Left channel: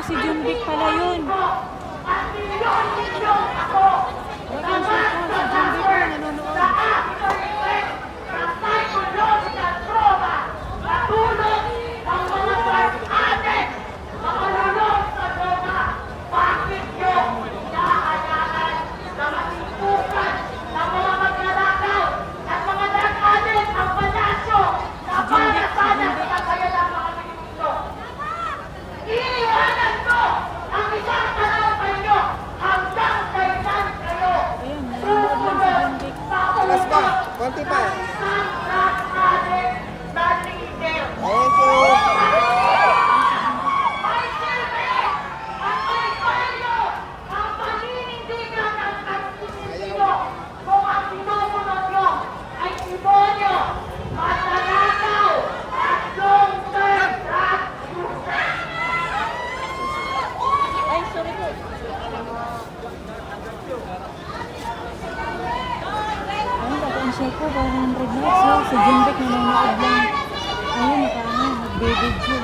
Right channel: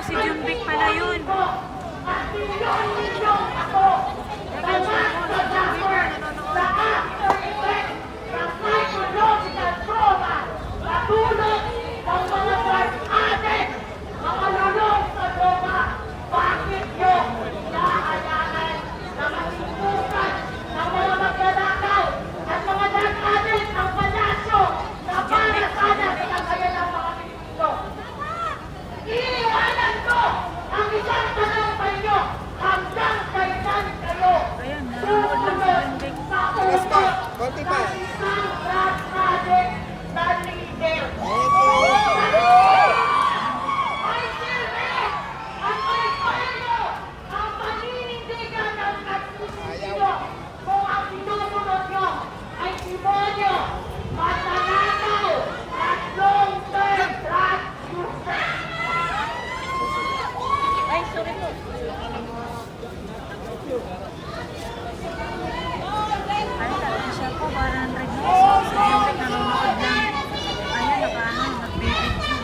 si Junvic pala yun. At milyon ako na nasa sa aking effect ng psychological trauma na tulog ng mga drug addict na malulog sa droga. Bakit nyo inaanyanan na matipukan ng mga magnanakaw at mga drug addict ang palasyo na para sana pinagayan ng mga Pilipino? Iiwanan ko ang isang tanong sa inyo hanggang kailan kayo Ayan, nanonood lang si Junvic. sa utot ng isang drug addict na leader. May silbi at may payo ang paninindigan ng Pilipino kung ang sinusunod nyo ay demonyo, magnanakaw at long-term drug users. Ay, sorry po. Ay, siya po, 100 views. So, si Junvic nanonood lang. Ayun, nag-video.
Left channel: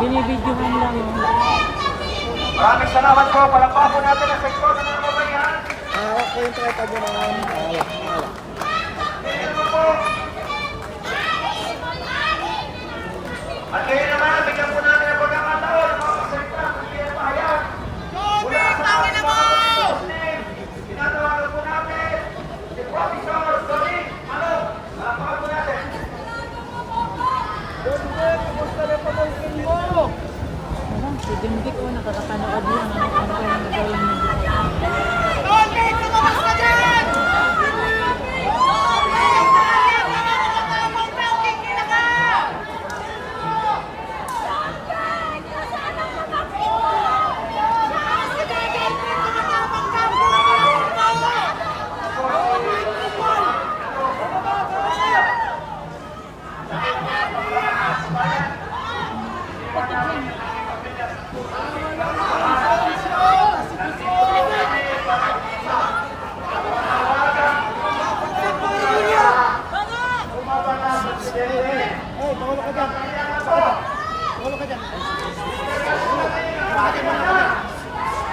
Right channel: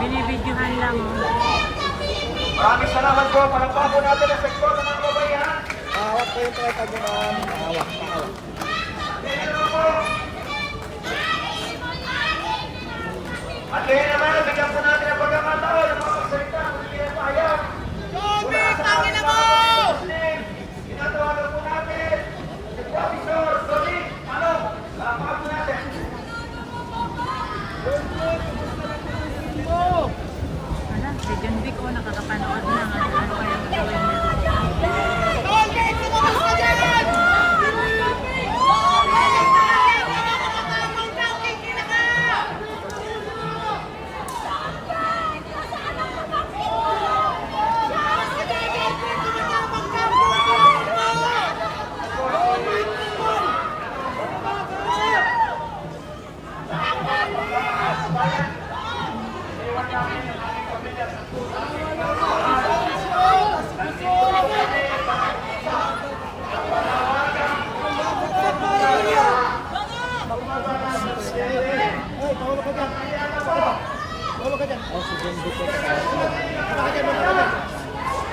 Binibidyohan lang. Maraming salamat po. Palakpakan po natin ang sektor ng mga babayan. Dito po. At kaya naman, bigyan po natin ang pagkakataon ng mga magsalita ng pinapahayan. Junvic, tangin na mo! Tinatawagan po natin si Professor Solid. Ano? Palakpakan po natin. Junvic, kumusta na pamangkin mo? Alam, si Junvic, nakakapanood lang. Ano kayang gawin niya? Junvic, lumabas ka dyan!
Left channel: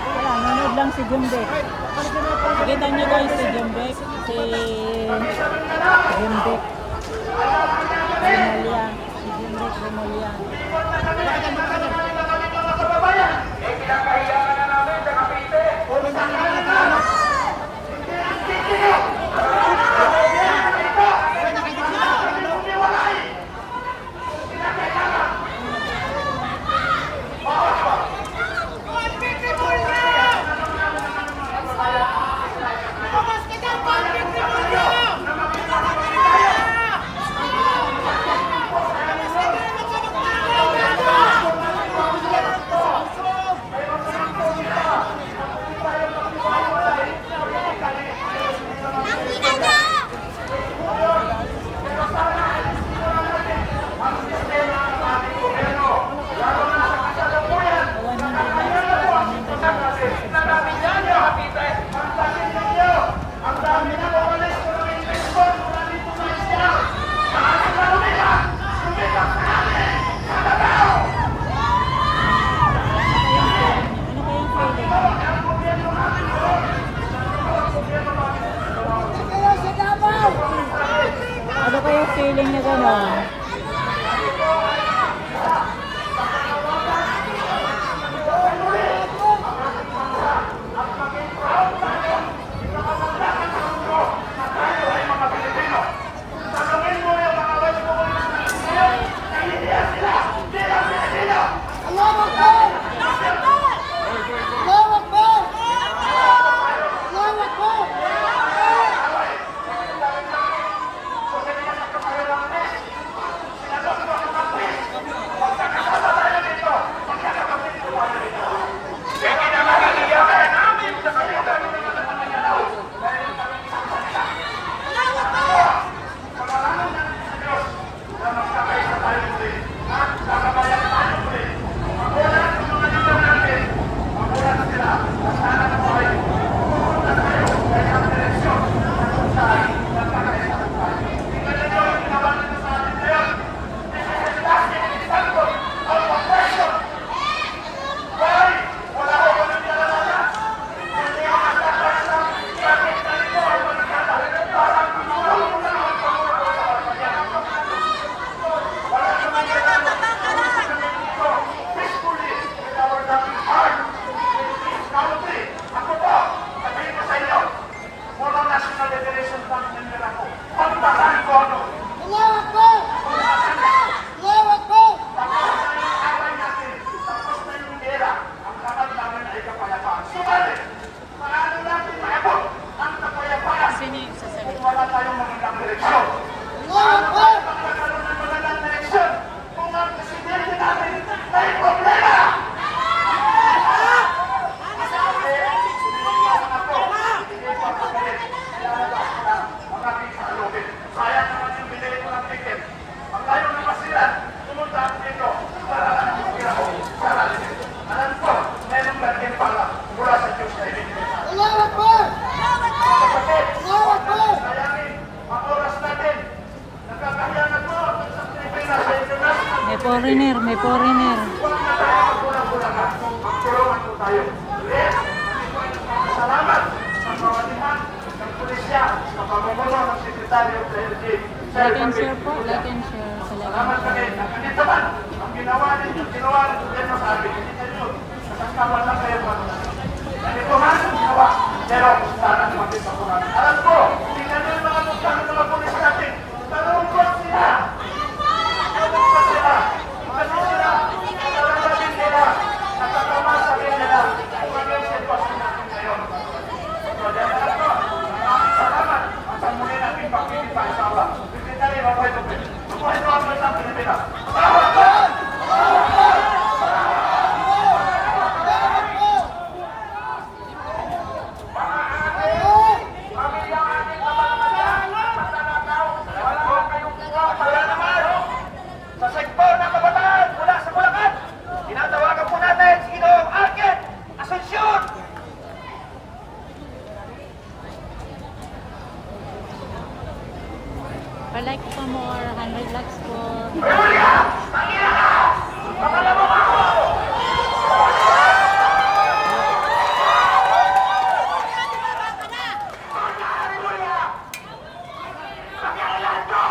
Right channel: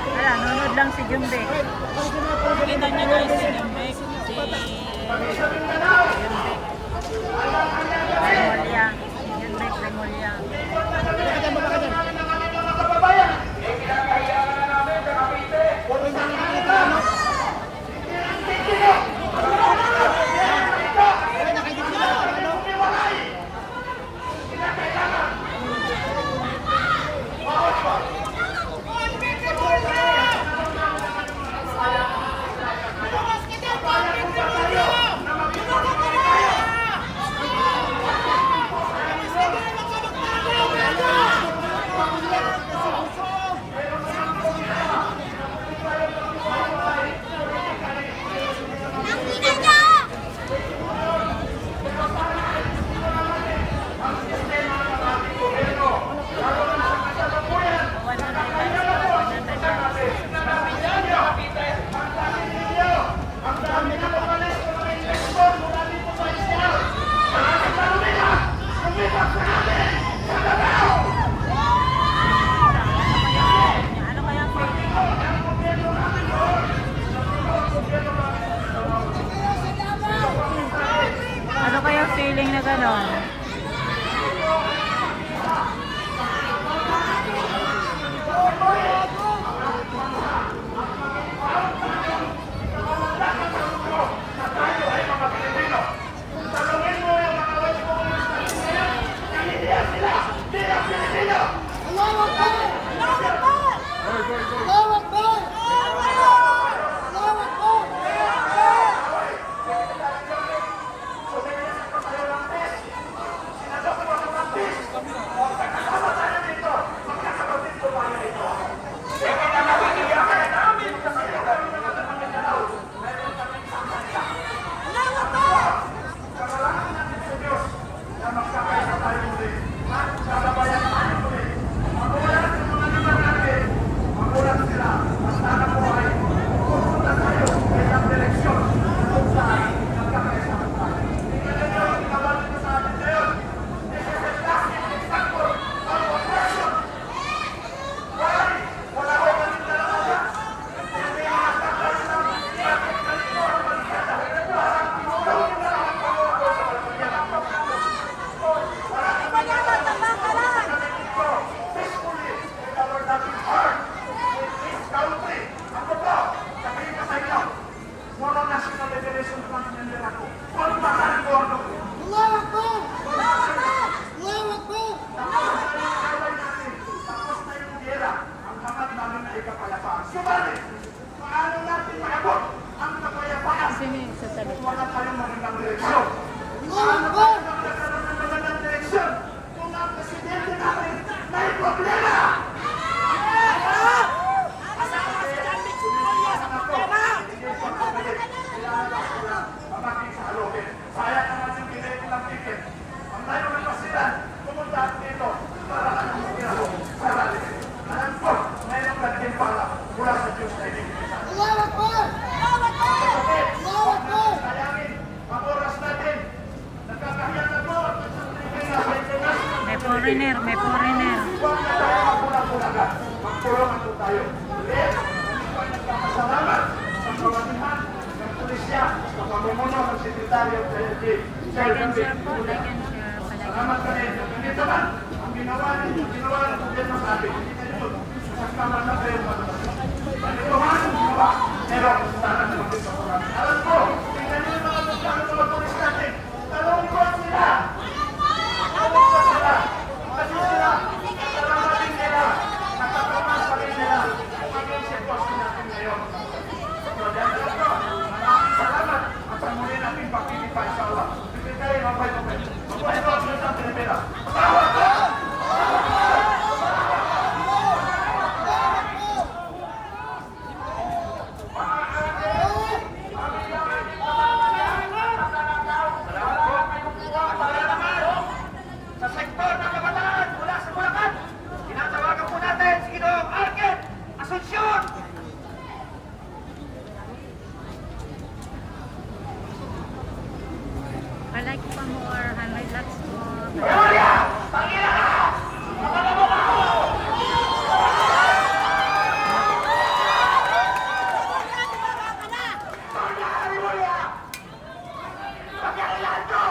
Wala, nanonood lang si Junvic. Kita niyo guys si Junvic. Si Junvic. Remulia. Si Junvic Remulia. Ano kaya feeling na gano'n? paninira ko. Pagbasan ko ako. Lawak ko! Lawak ko! Tapos na yung away natin. Tapos na yung gera. Ang lamat namin ay kapayapaan. Subalit, paano natin maabot ang kapayapaan? Sino yung sasalita? Wala tayong magandang direksyon. Lawak ko! Magkakaroon ng magandang direksyon kung ang presidente natin may problema! Sayang naman yung binili ko ng ticket. Ang layo ng pasilan, pumunta ako dito para lang mag-uwi ako sa rally. Alam ko, mayroong lagyan para mula sa Diyos na ibigay sa atin. Salamat po! Salamat po! Sayangin, ang oras natin. Nagkakahiya na po ang isang Pilipinas sa international. May foreigner, may foreigner. Huwag na tayo magkulang-kulangan. Magkulungan po tayo. Ulit, ako ay nagpapasalamat sa pamanihan ng pulisya sa pamumuno ng Sekretaryo sa LG. Sir Like and David share po, Tulan. like and share. Salamat kami na ganito man ang ginawa ninyo, ginawa ng gobyerno sa atin. Hindi kayo, nasasama lang kayo mga ganito man ang ginawa. Pero sana makita po namin. Alam ko, tingnan nyo yung mga mukha ng mga pulis natin. Talungkot sila! Talungkot sila! Kasi sila, nararamdamin nila, nakakamasakin nila maging sitwasyon natin ngayon. So, dyan na lang po. Maraming salamat. Ang sa muli natin pagtitipa, inshallah. Secretary, mabuhay po kayo. Mabuhay po ang mga Pilipinas. Salamat po! Sa sektor ng kabataan mula sa Bulacan, tinatawagan po natin si Ginoong Arket Asuncion. I like pa more 100 lakhs for... Julia! Ang ina ka! Makalabok ako! Julia! Pakialaan ko!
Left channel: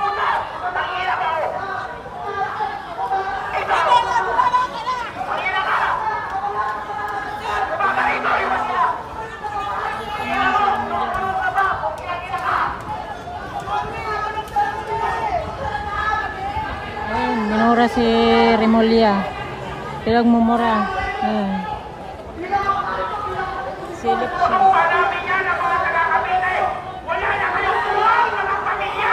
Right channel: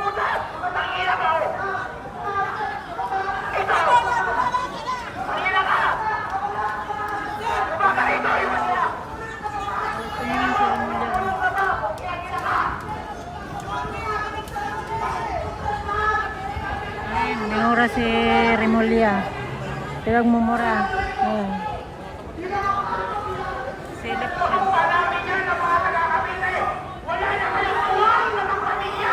Utak! Ang ina ka! Ito! Ang ina ka! Bumaka rito! Iwan niya! Ina mo! Tulong ka ba? Kung ina ka! Ayun, manura si Remulla. Kaya mumura. Ayun. Silip siya. Tutukan namin yan ang mga taga-Cavite! Wala na kayong tuwang mga pamilya!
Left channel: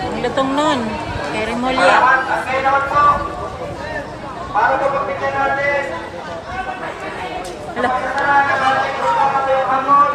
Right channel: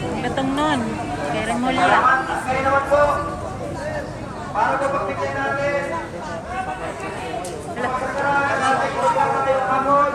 Ang latong nun. Kay Remulla. Kayo naman po. Para po pagtignan natin. Hala. Pagkasalanan ng ating programa ngayong hapon.